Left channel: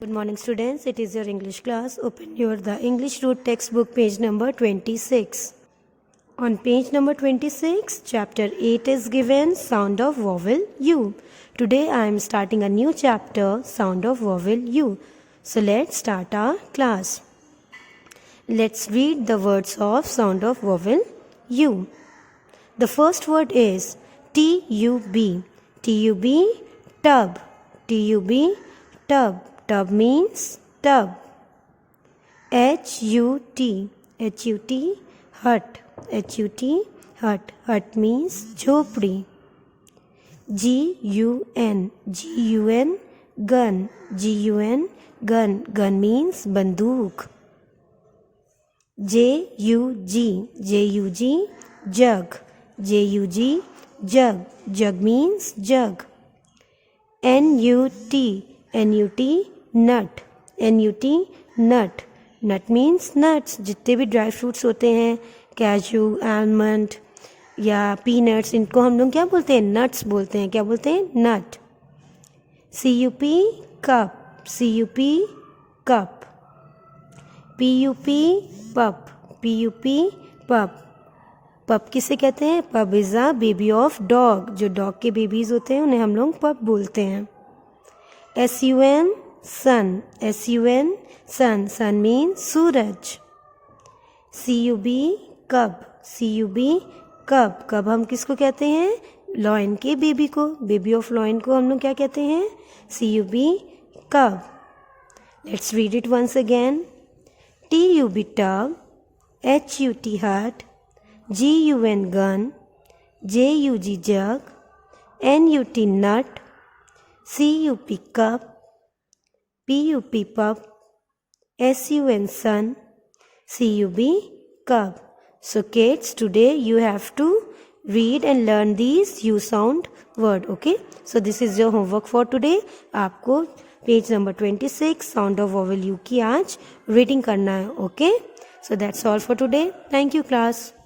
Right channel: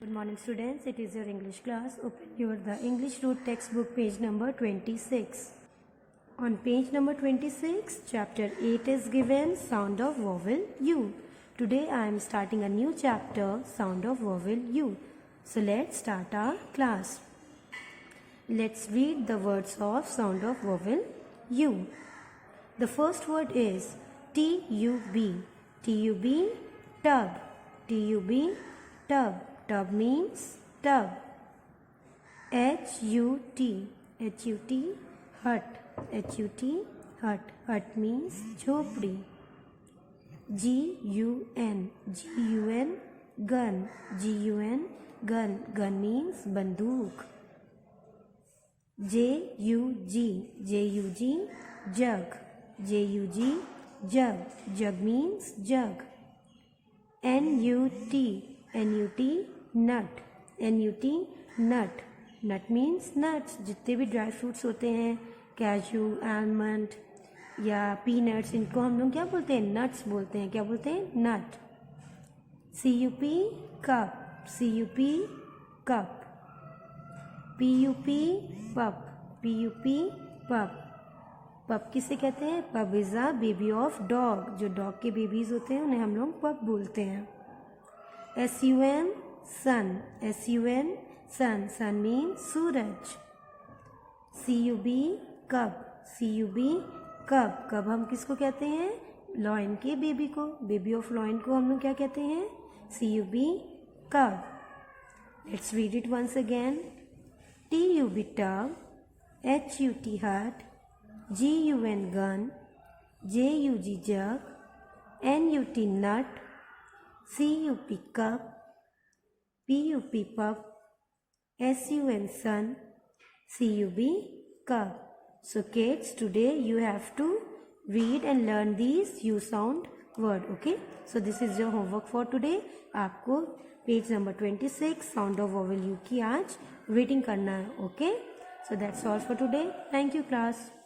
Good morning students, it is your English class. Open the English Root textbook page number 26. On page number 26, chapter 8 is given sound of vowel U. Today I am starting a new chapter, sound of vowel U. So let's start our class. Let's read the words of sound of vowel U. The first word is T-U-B. T-U-B, tub. T-U-B, tub. Tub means tub. H-U-T. H-U-T, hut. H-U-T, hut. Hut means झोपड़ी. G-U-N. G-U-N, gun. G-U-N, gun. Gun means बंदूक. J-U-G. J-U-G, jug. J-U-G, jug. Jug means jug. N-U-T. N-U-T, nut. N-U-T, nut. Nut means nuts. जितने भी dry fruits होते हैं, कैजू, almond या peanuts, इनको हम लोग क्या बोलते हैं? नट्स बोलते हैं. क्या बोलते हैं? नट. C-U-P, cup. C-U-P, cup. P-U-P, पप. P-U-P, पप. पप किसे कहते हैं? पप is a baby of dog. जो डॉग के बेबीज़ होते हैं उन्हें हम लोग पप बोलते हैं. S-U-N, sun. S-U-N, sun. Sun means सूरज. C-U-B, cub. C-U-B, cub. Cub हम किसको कहते हैं? लॉयन के बेबी को. बेबी ऑफ लॉयन को हम लोग क्या कहते हैं? C-U-B, cub. Let's read it once again. T-U-B, tub. H-U-T, hut. G-U-N, gun. J-U-G, jug. N-U-T, nut. C-U-P, cup. P-U-P, pup. S-U-N, sun. C-U-B, cub. So kids, today you have to read and learn these U sound word. Okay, so this is your homework for today. आपको page number 26 sound of vowel U की आज reading करना है. Okay, so that's all for today. Thank you class.